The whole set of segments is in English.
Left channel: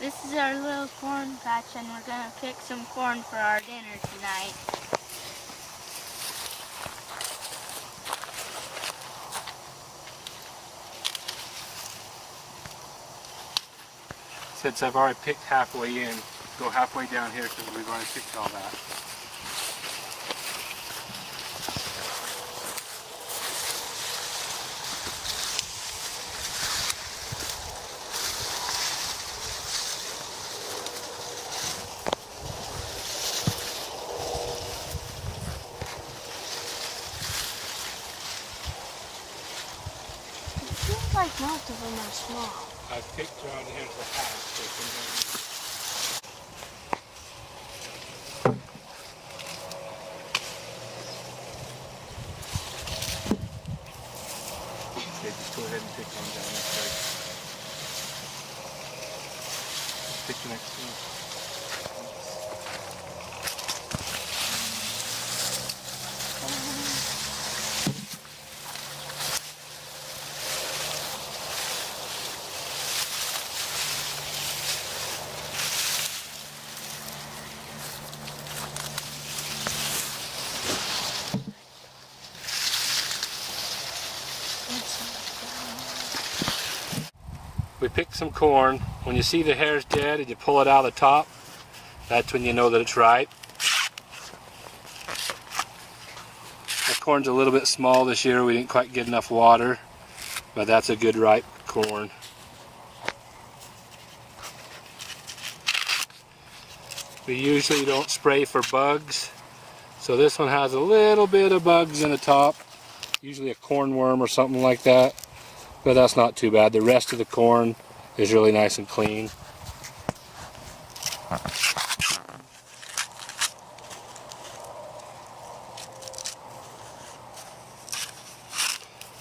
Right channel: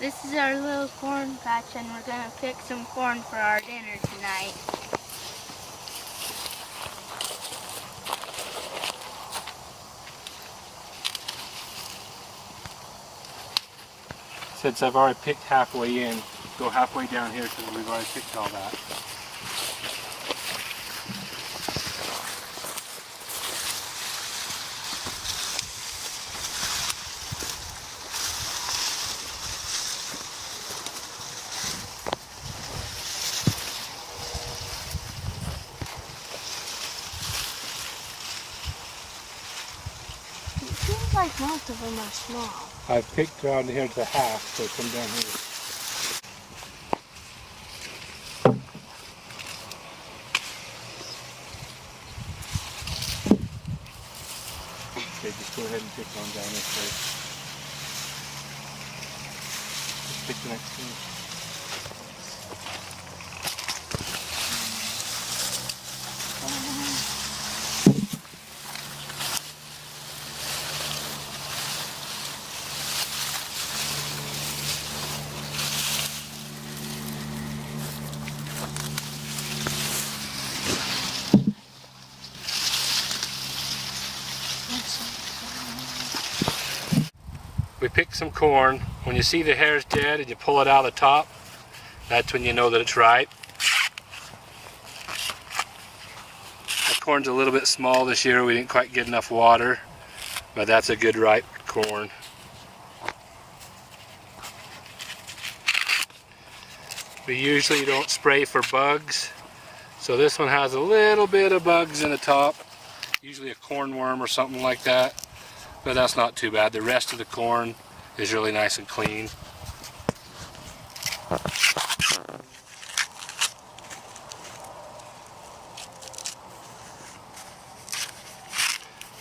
This is our little corn patch, and we're gonna pick some corn for our dinner tonight. Since I've already picked halfway in, go halfway down here because we've already picked all that. It seems like most of them are small. I've picked around here to half, so come down here. Okay, just go ahead and pick one down this way. Just pick the next one. We picked some corn. When you see the hairs dead and you pull it out of the top, that's when you know that it's ripe. That corn's a little bit small this year. We didn't quite get enough water, but that's a good ripe corn. We usually don't spray for bugs, so this one has a little bit of bugs in the top, usually a corn worm or something like that, but that's not too bad. The rest of the corn is really nice and clean.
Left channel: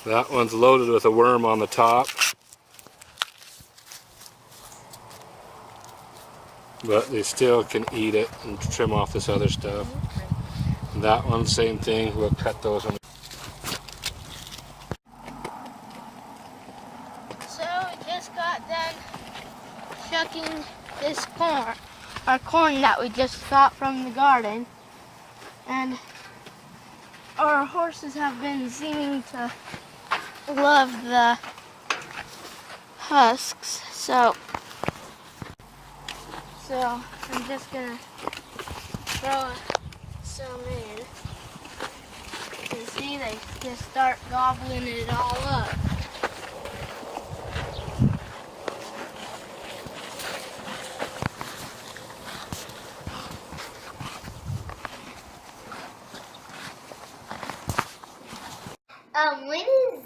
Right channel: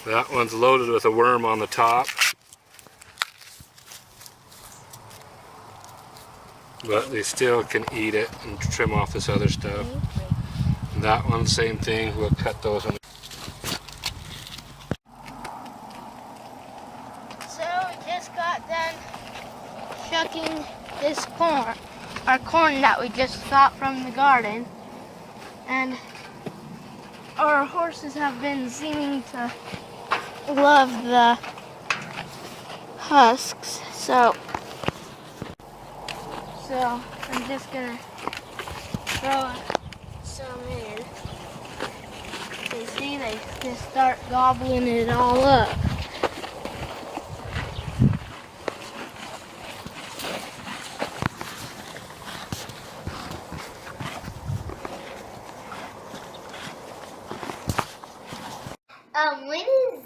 That one's loaded with a worm on the top, but they still can eat it and trim off this other stuff. That one, same thing, we'll cut those on. So we just got done shucking this corn, our corn that we just got from the garden, and our horses have been seeming to love the husks, so I'm just gonna throw some in. You see, they just start gobbling it all up. When is